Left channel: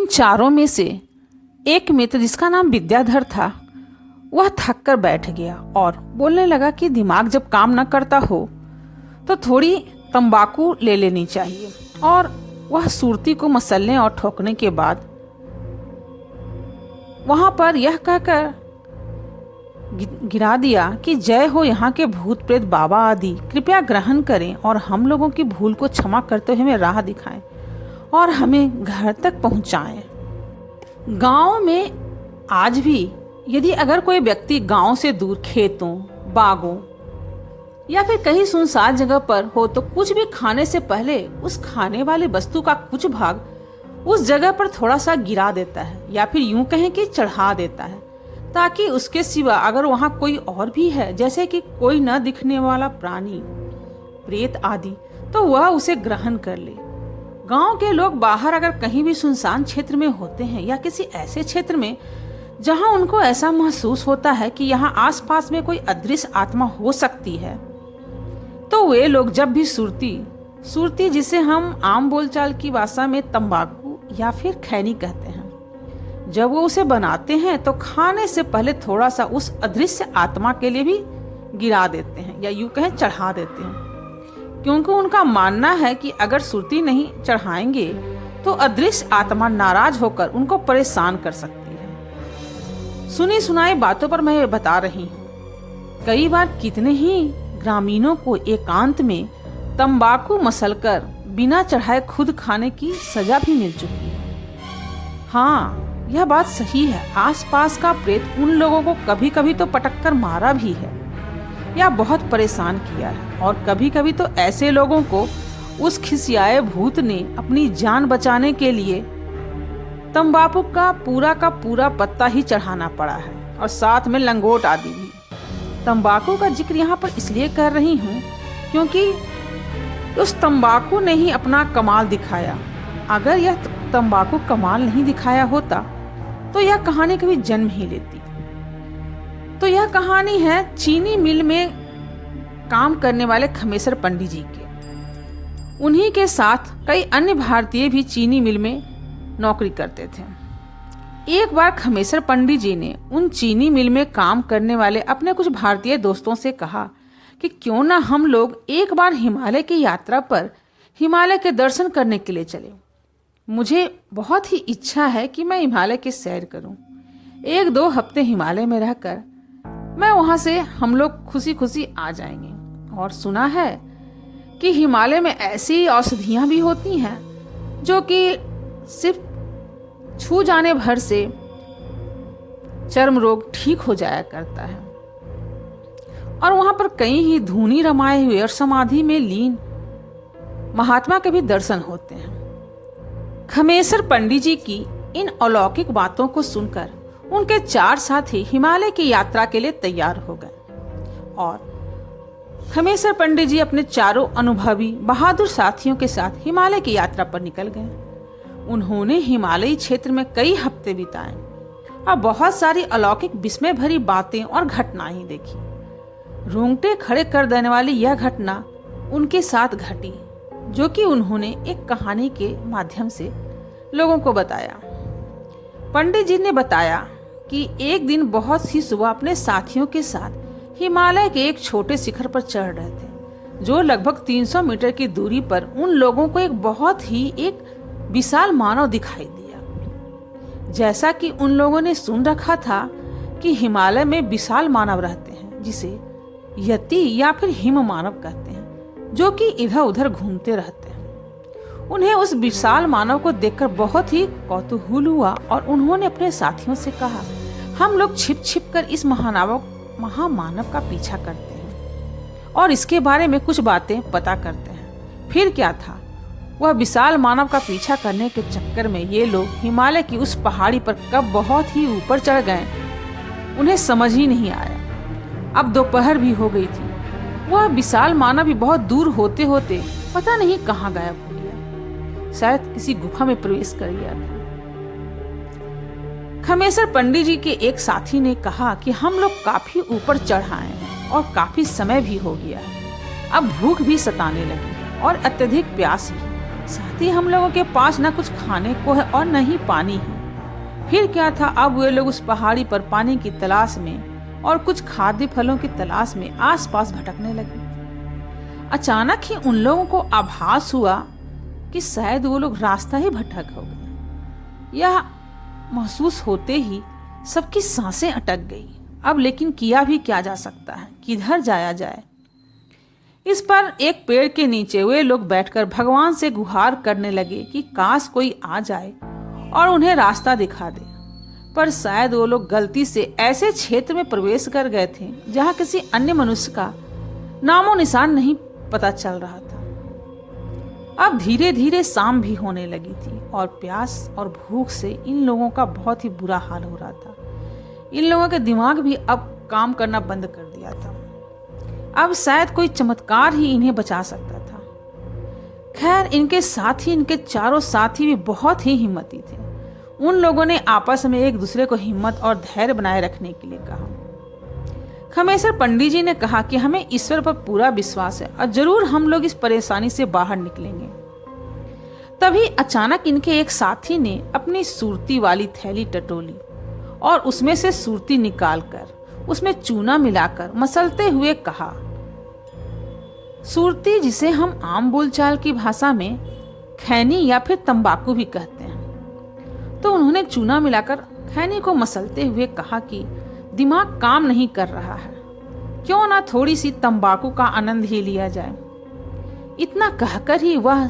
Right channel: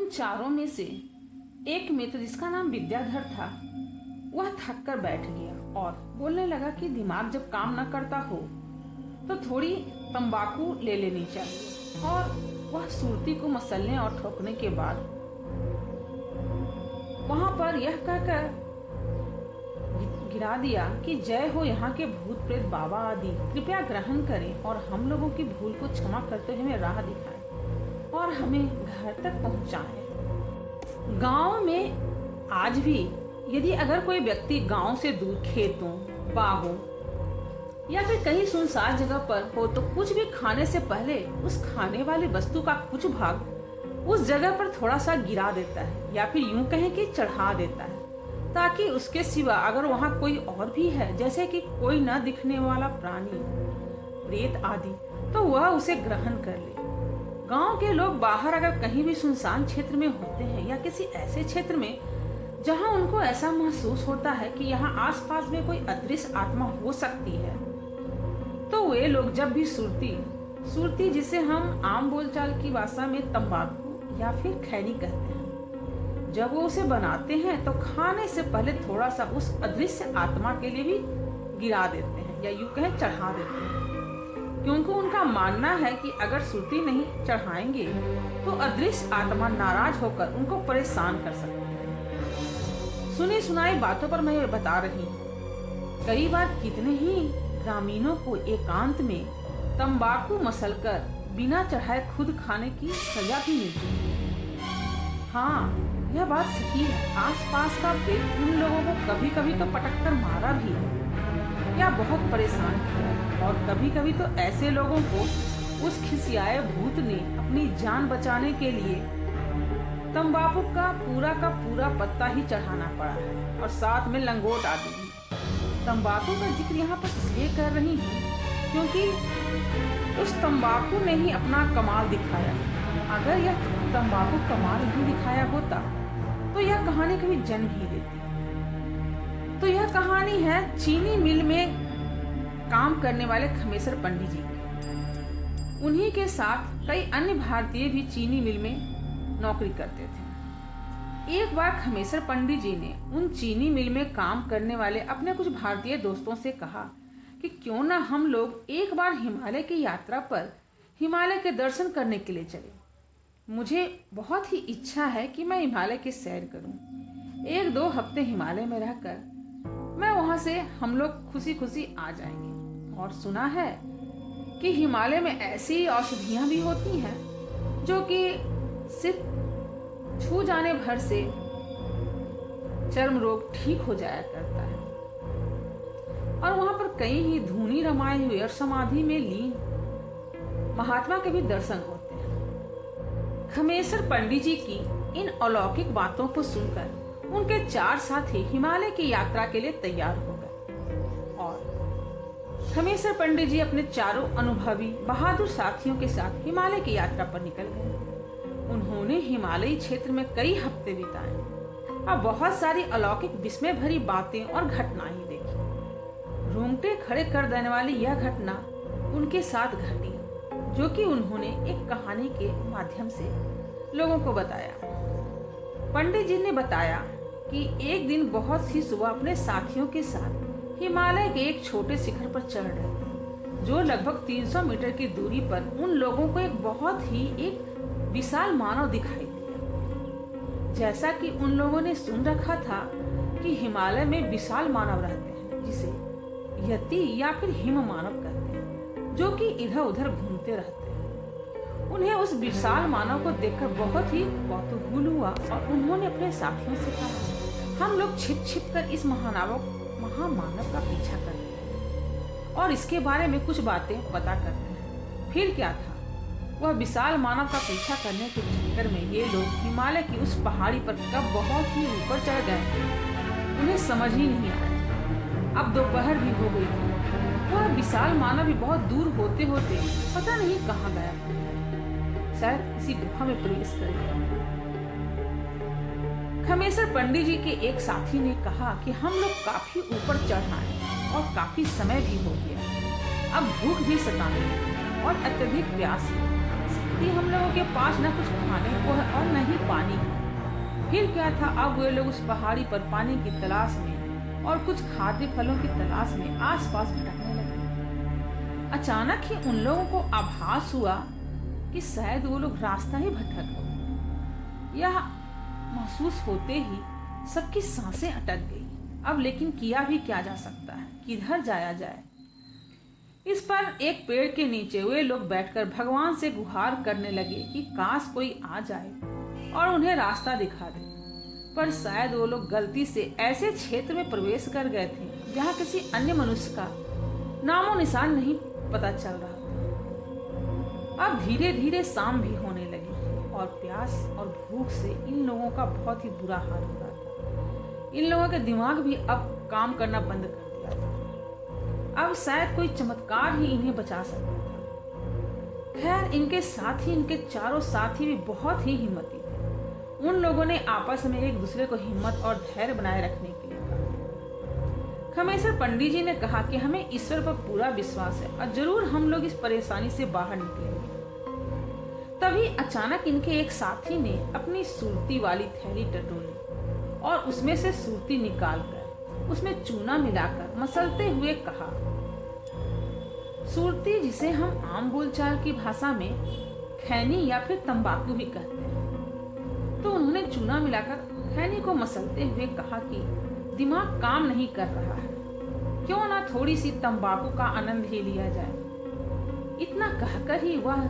उन चारों में से एक मित्र जिसका नाम विद्याधर था, वह थक कर बैठ गया और बोलने लगा कि दिमाग जब काम न करता हो तो थोड़ी तंबाकू ले लेनी चाहिए। और वह सुरती को मसलने और ठोकने के बाद वहां पर यह कहकर गिरा दिया कि जय हो यहाँ के भूत प्रेत बाबा आदि, कृपया ग्रहण करें और हम लोगों की भूल को क्षमा करते हुए हमें राह दिखाएं और हमें घर तक पहुंचाएं। गांव में आज भी यदि अगर कोई व्यक्ति गांव से दूर खेतों, बागों या फिर कहीं सुनसान जगह पर हो तो कुछ भी खाने से पहले उस खाने वाली वस्तु का कुछ भाग उस जगह पर थोड़ा सा गिरा देता है या फिर यूं कहें कि चढ़ा देता है, ताकि उसके सिवा अगर वहां कोई और भी है, जैसे कि कोई न दिखने वाला प्राणी, प्रेत आदि, तो वह उसे ग्रहण कर ले। गांव के लोग बाहर अगर कहीं भी सुनसान क्षेत्र में होते हैं या किसी ऐसे क्षेत्र में जहां उनको ऐसा महसूस होता है कि यहाँ आसपास में कोई अदृश्य आत्मा हो सकती है, तो वे लोग जब भी सुरती जिसे हम आम बोलचाल की भाषा में तंबाकू या फिर खैनी कहते हैं, जब वो उसे बनाते हैं तो खाने से पहले थोड़ा सा उस अदृश्य आत्मा के लिए भी गिरा देते हैं या यूं कहें चढ़ा देते हैं, क्योंकि उनका मानना है कि अगर सुरती नहीं चढ़ाएंगे तो अदृश्य आत्मा नाराज होकर उनको परेशान कर सकती है। सुनी सुनाई बातों पर मैं बता रही हूँ। कई बार कितने ही ग्रामीणों को एकांत में तंबाकू मसलकर बिना चढ़ाए खुद खाने की सजा भी मिल चुकी है। हाँ, यह बात सही है। आसपास का प्रेत उन लोगों को कभी कभी तो पटक कर मारा भी है या बहुत परेशान किया है, और कभी कभी तो ऐसे लोगों को उस खिसियाए भूत ने अपनी जान बचाने के लिए तंबाकू का पूरा पत्ता ही चढ़ाना पड़ा है, और साथ में लंगोट आदि भी। तंबाकू का जिक्र यहाँ पर इसलिए कर रही हूँ क्योंकि उस तंबाकू ने ही अपना कमाल दिखाया। अगर यह तंबाकू कमाल नहीं दिखाया होता तो यह कहानी कभी जन्म ही लेती। तो यह कहानी है चीनी मिल में काम करने वाले खमेसर पंडित जी की। उन्हीं के साथ कई अन्य भारतीय भी चीनी मिल में नौकरी करते थे। एक बार खमेसर पंडित जी ने उन चीनी मिल में काम करने वाले अपने कुछ भारतीय दोस्तों से कहा कि क्यों ना हम लोग एक बार हिमालय की यात्रा पर हिमालय के दर्शन करने के लिए चले। मुझे बहुत ही इच्छा है कि मैं हिमालय की सैर करूं। 1-2 हफ्ते हिमालय में रहकर मैं वहां से हम लोग खुशी खुशी आ जाएंगे। और सुना है कि हिमालय में ऐसी औषधियां भी होती हैं जो कि सिर्फ छू जाने भर से चर्म रोग ठीक हो जाया करता है। और वहां पर कई ही धूनी रमाए हुए और समाधि में लीन महात्मा के भी दर्शन होते हैं। खमेसर पंडित जी की इन अलौकिक बातों को सुनकर उनके 4 साथी हिमालय की यात्रा के लिए तैयार हो गए, और खमेसर पंडित जी अपने चारों अनुभवी बहादुर साथियों के साथ हिमालय की यात्रा पर निकल गए। उन्होंने हिमालयी क्षेत्र में कई हफ्ते बिताए और बहुत सारी अलौकिक विस्मय भरी बातें और घटनाएं देखी। रोंगटे खड़े कर देने वाली यह घटना उनके साथ घटी, जो कि उन्होंने एक कहानी के माध्यम से लोगों को बताया। पंडित जी ने बताया कि एक दिन बहुत सी सुबह अपने साथियों के साथ हिमालय के एक छोटे शिखर पर चढ़ रहे थे, जो लगभग 300 मीटर की दूरी पर उन लोगों को एक बहुत ही एक विशाल मानव दिखाई दिया। जैसा कि उन लोगों ने सुन रखा था कि हिमालय में विशाल मानव रहते हैं, जिसे यति या फिर हिम मानव कहते हैं, जो कि इधर उधर घूमते रहते हैं। उन्हें उस विशाल मानव को देखकर बहुत ही कौतूहल हुआ और उन्होंने अपने साथियों से कहा, हम लोग छिप छिप कर इस महामानव का पीछा करते हैं और इसके बारे में कुछ बातें पता करते हैं। फिर क्या था, वह विशाल मानव का पीछा करने के चक्कर में ये लोग हिमालय की उस पहाड़ी पर कब बहुत ही ऊपर चढ़ गए, उन्हें समझ ही नहीं आया। अब दोपहर भी हो गई थी। वह विशाल मानव भी बहुत दूर होते होते पता नहीं कहाँ गायब हो गया, शायद किसी गुफा में प्रवेश कर गया। खमेसर पंडित जी के एक साथी ने कहा कि हम लोग काफी ऊपर चढ़ आए और काफी समय भी हो गया, अब भूख भी सताने लगी और अत्यधिक प्यास भी। साथ ही हम लोगों के पास न कुछ खाने को है और न ही पानी है। फिर क्या था, अब वे लोग उस पहाड़ी पर पानी की तलाश में और कुछ खाद्य फलों की तलाश में आसपास भटकने लगे। अचानक ही उन लोगों को आभास हुआ कि शायद वो लोग रास्ता ही भटक गए। यह महसूस होते ही सबकी सांसें अटक गई। अब लेकिन किया भी क्या जा सकता है, किधर जाया जाए। इस पर एक पेड़ के नीचे वे लोग बैठकर भगवान से गुहार करने लगे कि काश कोई आ जाए और उन्हें रास्ता दिखा दे। पर शायद वो लोग गलती से ऐसे क्षेत्र में प्रवेश कर गए थे जहां किसी अन्य मनुष्य का नामो निशान नहीं पता चल रहा था। अब धीरे धीरे शाम भी होने लगी थी और प्यास और भूख से इन लोगों का बहुत ही बुरा हाल हो रहा था। इन लोगों के दिमाग भी अब काम करना बंद कर दिया था। अब शायद कोई चमत्कार ही इन्हें बचा सकता था। खैर, इनके साथ ही इनके चारों साथी भी बहुत ही हिम्मती थे। उन लोगों ने आपस में एक दूसरे को हिम्मत और धैर्य बनाए रखने के लिए कहा। खमेसर पंडित जी ने कहा कि हमें ईश्वर पर पूरा विश्वास है और जरूर हम लोग इस परेशानी से बाहर निकलेंगे। तभी अचानक इनके एक साथी ने अपनी सुरती वाली थैली टटोली और उसमें से सुरती निकालकर उसमें चूना मिलाकर मसलते हुए कहा। सुरती, जिसे हम आम बोलचाल की भाषा में खैनी या फिर तंबाकू भी कहते हैं। तो उन्होंने चूना मिलाकर खैनी को मसलते हुए कहा कि दिमाग काम नहीं कर रहा है, क्यों ना थोड़ी सी तंबाकू का आनंद ही लिया जाए। इतना कहकर ही वह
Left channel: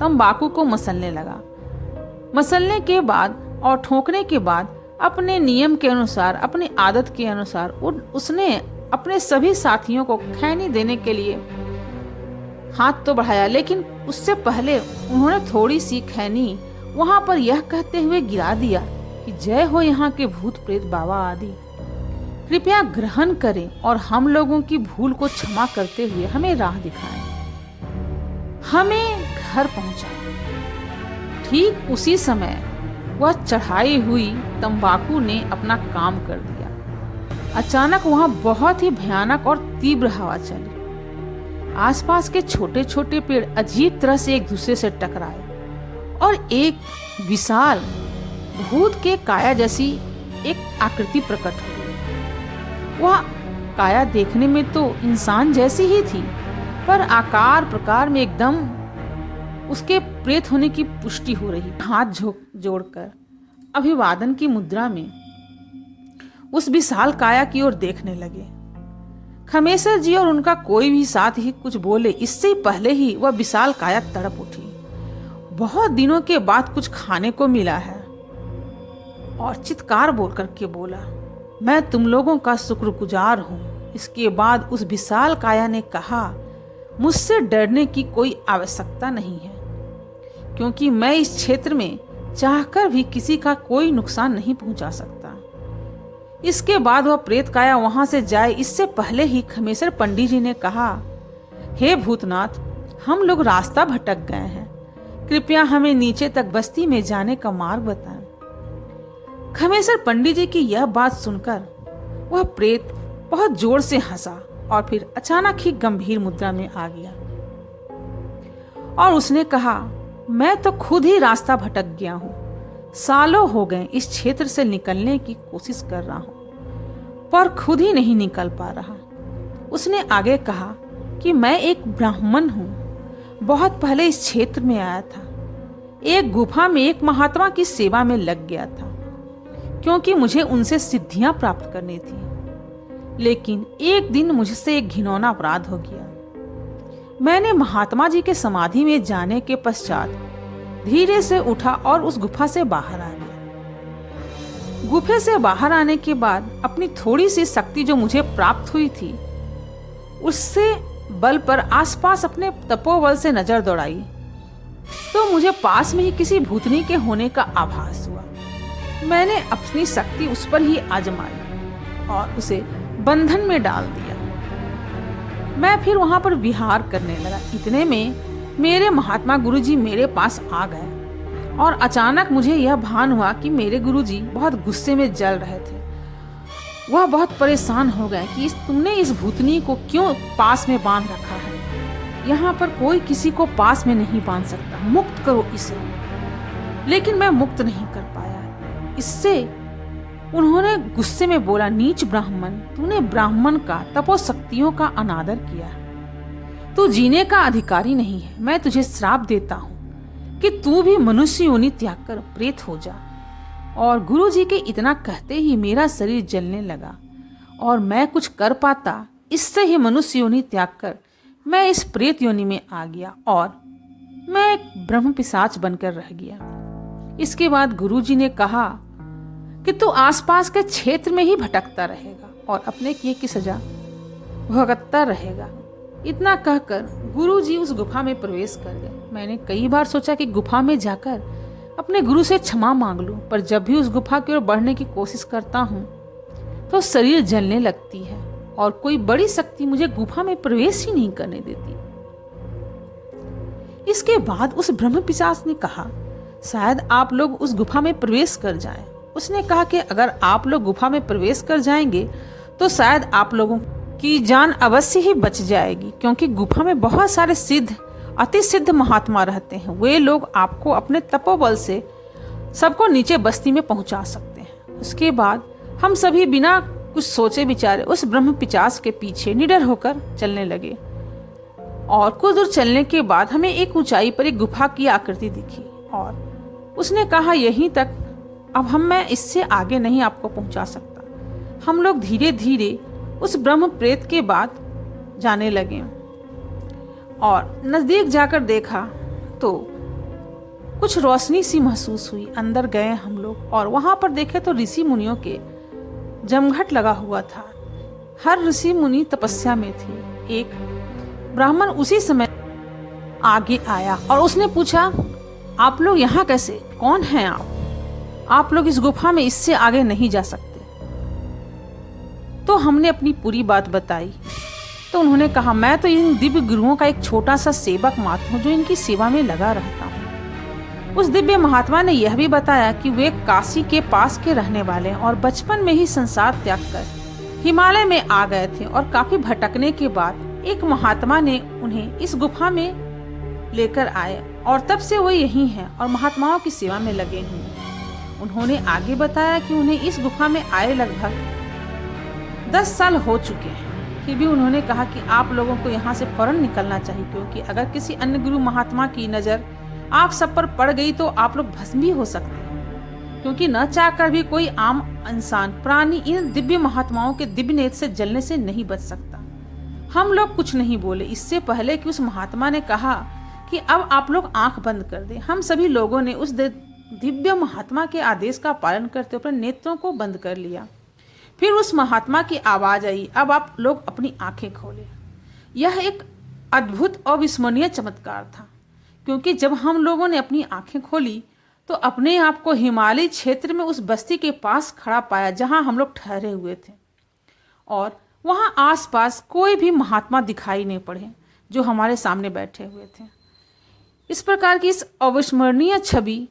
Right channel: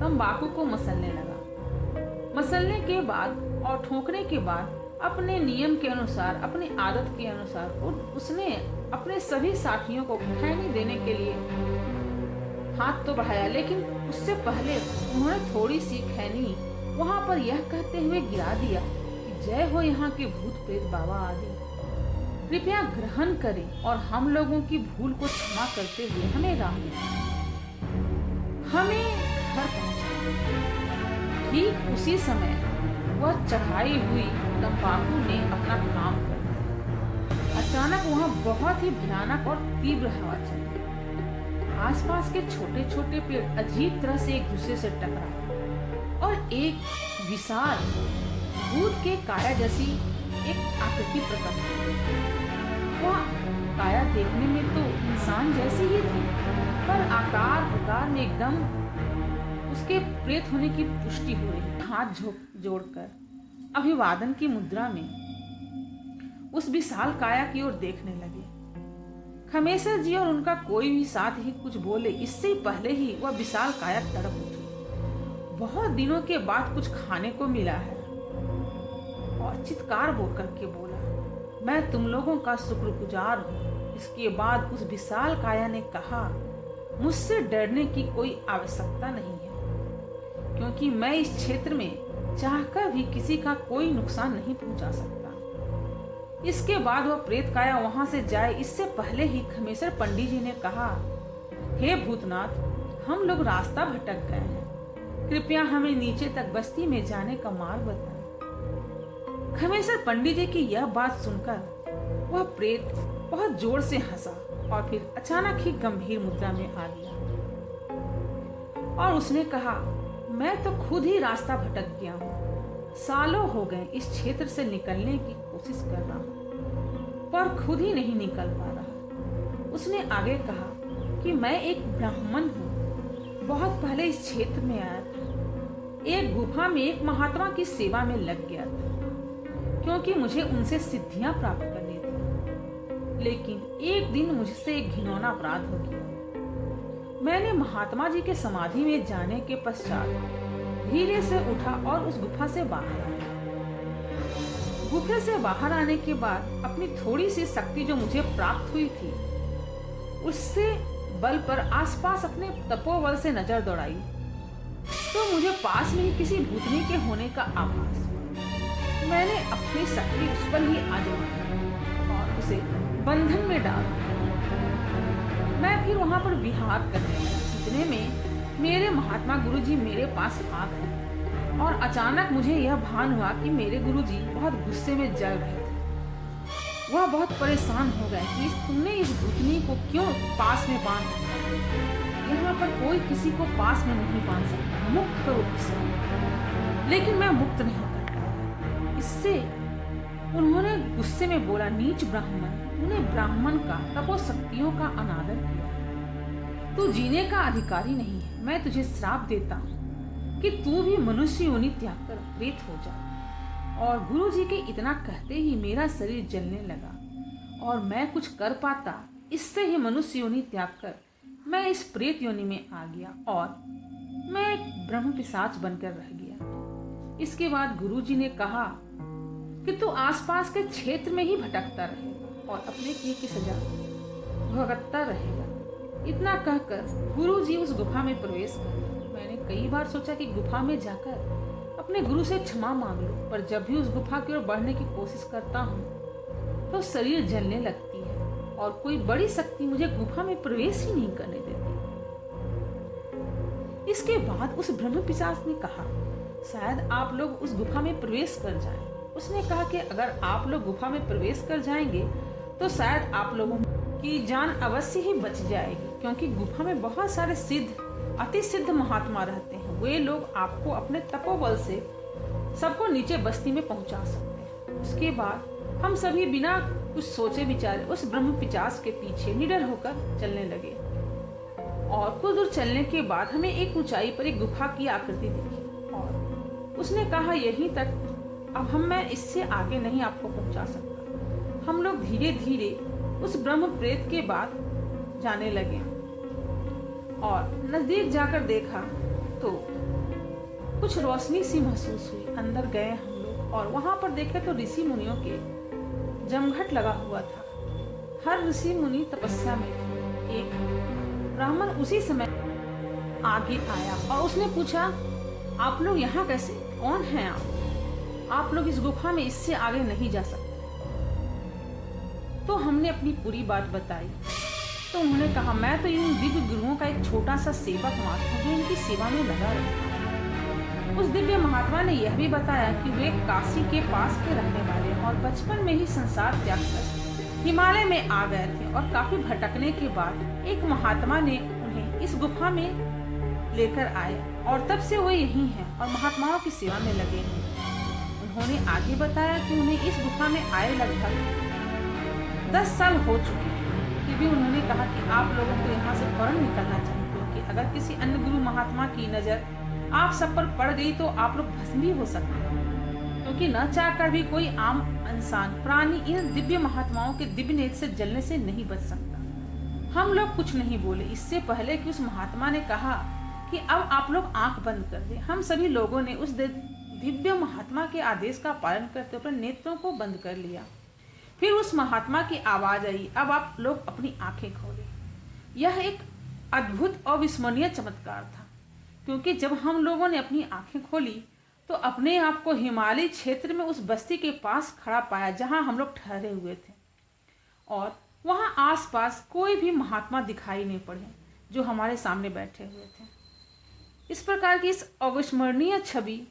तंबाकू को मसलने लगा। मसलने के बाद और ठोकने के बाद अपने नियम के अनुसार, अपनी आदत के अनुसार उसने अपने सभी साथियों को खैनी देने के लिए हाथ तो बढ़ाया, लेकिन उससे पहले उन्होंने थोड़ी सी खैनी वहां पर यह कहते हुए गिरा दिया कि जय हो यहाँ के भूत प्रेत बाबा आदि, कृपया ग्रहण करें और हम लोगों की भूल को क्षमा करते हुए हमें राह दिखाएं, हमें घर पहुंचाएं। ठीक उसी समय वह चढ़ाई हुई तंबाकू ने अपना काम कर दिया। अचानक वहां बहुत ही भयानक और तीव्र हवा चली। आसपास के छोटे छोटे पेड़ अजीब तरह से एक दूसरे से टकराए और एक विशाल भूत के काया जैसी एक आकृति प्रकट हुई। वह काया देखने में तो इंसान जैसी ही थी, पर आकार प्रकार में एकदम उसके प्रेत होने की पुष्टि हो रही। हाथ जोड़कर अभिवादन की मुद्रा में उस विशाल काया की ओर देखने लगे। खमेसर जी और उनका कोई भी साथ ही कुछ बोले इससे पहले ही वह विशाल काया तड़प उठी। बहुत दिनों के बाद कुछ खाने को मिला है और चित्कार बोल करके बोला, मैं तुम लोगों का शुक्रगुजार हूँ। इसके बाद उस विशाल काया ने कहा, मुझसे डरने की कोई आवश्यकता नहीं है, क्योंकि मैं इस क्षेत्र में चाहकर भी किसी का कोई नुकसान नहीं पहुंचा सकता। इसके बाद वह प्रेत काया वहां से जाए इससे पहले ही खमेसर पंडित जी ने कहा, हे भूतनाथ, हम लोग रास्ता भटक गए हैं, कृपया हमें नीचे तक बस्ती में जाने का मार्ग बताएं। खमेसर पंडित जी की यह बात सुनकर वह प्रेत बहुत जोर से हंसा और फिर अचानक ही गंभीर मुद्रा में आ गया और उसने कहा, मैं तो खुद ही रास्ता भटक गया हूँ। सालों हो गए इस क्षेत्र से निकलने की कोशिश कर रहा हूँ, पर खुद ही नहीं निकल पा रहा। उसने आगे कहा कि मैं एक ब्राह्मण हूँ, बहुत पहले इस क्षेत्र में आया था। एक गुफा में एक महात्मा की सेवा में लग गया था, क्योंकि मुझे उनसे सिद्धियां प्राप्त करनी थी। लेकिन एक दिन मुझसे एक घिनौना अपराध हो गया। मैंने महात्मा जी के समाधि में जाने के पश्चात धीरे से उठा और उस गुफा से बाहर आ गया। गुफे से बाहर आने के बाद अपनी थोड़ी सी शक्ति जो मुझे प्राप्त हुई थी, उससे बल पर आसपास अपने तपोबल से नजर दौड़ाई तो मुझे पास में ही किसी भूतनी के होने का आभास हुआ। मैंने अपनी शक्ति उस पर ही आजमाई और उसे बंधन में डाल दिया। मैं फिर वहां पर विहार करने लगा। इतने में मेरे महात्मा गुरुजी मेरे पास आ गए और अचानक मुझे यह भान हुआ कि मेरे गुरुजी बहुत गुस्से में जल रहे थे। वह बहुत परेशान हो गए कि तुमने इस भूतनी को क्यों पास में बांध रखा है। यहाँ पर कोई किसी को पास में नहीं बांध सकता, मुक्त करो इसे। लेकिन मैं मुक्त नहीं कर पाया। इससे उन्होंने गुस्से में बोला, नीच ब्राह्मण, तूने ब्राह्मण का तपोशक्तियों का अनादर किया है, तू जीने का अधिकारी नहीं है। मैं तुझे श्राप देता हूँ कि तू भी मनुष्य योनि त्याग कर प्रेत हो जा। और गुरुजी के इतना कहते ही मेरा शरीर जलने लगा और मैं कुछ कर पाता, इससे ही मनुष्य योनि त्याग कर मैं इस प्रेत योनि में आ गया और मैं एक ब्रह्म पिशाच बनकर रह गया। इसके बाद गुरुजी ने कहा कि तू आसपास के क्षेत्र में ही भटकता रहेगा और अपने किए की सजा भुगतता रहेगा। इतना कहकर गुरुजी उस गुफा में प्रवेश कर गए। मैंने कई बार सोचा कि गुफा में जाकर अपने गुरु से क्षमा मांग लूं, पर जब भी उस गुफा की ओर बढ़ने की कोशिश करता हूं तो शरीर जलने लगती है और कोई बड़ी शक्ति मुझे गुफा में प्रवेश ही नहीं करने देती। इसके बाद उस ब्रह्म पिशाच ने कहा, शायद आप लोग उस गुफा में प्रवेश कर जाएं। उसने कहा कि अगर आप लोग गुफा में प्रवेश कर जाएंगे तो शायद आप लोगों की जान अवश्य ही बच जाएगी, क्योंकि गुफा में बहुत सारे सिद्ध, अति सिद्ध महात्मा रहते हैं। वे लोग आपको अपने तपोबल से सबको नीचे बस्ती में पहुंचा सकते हैं। उसके बाद हम सभी बिना कुछ सोचे विचारे उस ब्रह्म पिशाच के पीछे निडर होकर चलने लगे और कुछ दूर चलने के बाद हमें एक ऊंचाई पर एक गुफा की आकृति दिखी और उसने कहा, यहीं तक, अब मैं इससे आगे नहीं आपको पहुंचा सकता। हम लोग धीरे धीरे उस ब्रह्म प्रेत के बाद जाने लगे और नजदीक जाकर देखा तो कुछ रोशनी सी महसूस हुई। अंदर गए हम लोग और वहां पर देखे तो ऋषि मुनियों के जमघट लगा हुआ था। हर ऋषि मुनि तपस्या में थे। एक ब्राह्मण उसी समय आगे आया और उसने पूछा, आप लोग यहाँ कैसे, कौन हैं आप लोग इस गुफा में इससे आगे नहीं जा सकते। तो हमने अपनी पूरी बात बताई तो उन्होंने कहा, मैं तो इन दिव्य गुरुओं का एक छोटा सा सेवक मात्र हूँ जो इनकी सेवा में लगा रहता हूँ। उस दिव्य महात्मा ने यह भी बताया कि वे काशी के पास के रहने वाले और बचपन में ही संसार त्याग कर हिमालय में आ गए थे और काफी भटकने के बाद एक महात्मा ने उन्हें इस गुफा में लेकर आए और तब से वो यहीं हैं और महात्माओं की सेवा में लगे हैं। उन्होंने आगे बताया कि उन्हें इस गुफा में आए लगभग 10 साल हो चुके हैं। फिर भी उन्होंने कहा कि आप लोगों को यहाँ से फौरन निकलना चाहिए, क्योंकि अगर किसी अन्य गुरु महात्मा की नज़र आप सब पर पड़ गई तो आप लोग भस्म भी हो सकते हैं, क्योंकि न चाहकर भी कोई आम इंसान प्राणी इन दिव्य महात्माओं के दिव्य नेत्र से जलने से नहीं बच सकता। हम लोग कुछ नहीं बोले इससे पहले कि उस महात्मा ने कहा कि अब आप लोग आंख बंद कर दें। हम सभी लोगों ने उस दिव्य महात्मा के आदेश का पालन करते हुए नेत्रों को बंद कर लिया। फिर उस महात्मा की आवाज आई, अब आप लोग अपनी आंखें खोलें। यह एक अद्भुत और विस्मरणीय चमत्कार था, क्योंकि जब हम लोगों ने अपनी आंखें खोली तो अपने आप को हिमालयी क्षेत्र में उस बस्ती के पास खड़ा पाया जहां हम लोग ठहरे हुए थे और वहां आसपास कोई भी महात्मा दिखाई नहीं पड़े जो हमारे सामने बैठे हुए थे। इस प्रकार की इस अविस्मरणीय छवि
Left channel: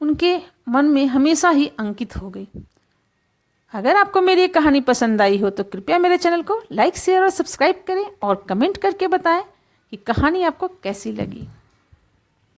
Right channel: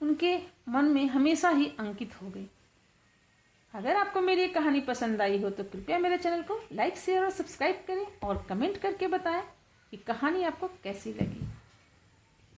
उनके मन में हमेशा ही अंकित हो गई। अगर आपको मेरी ये कहानी पसंद आई हो तो कृपया मेरे चैनल को लाइक, शेयर और सब्सक्राइब करें और कमेंट करके बताएं कि कहानी आपको कैसी लगी।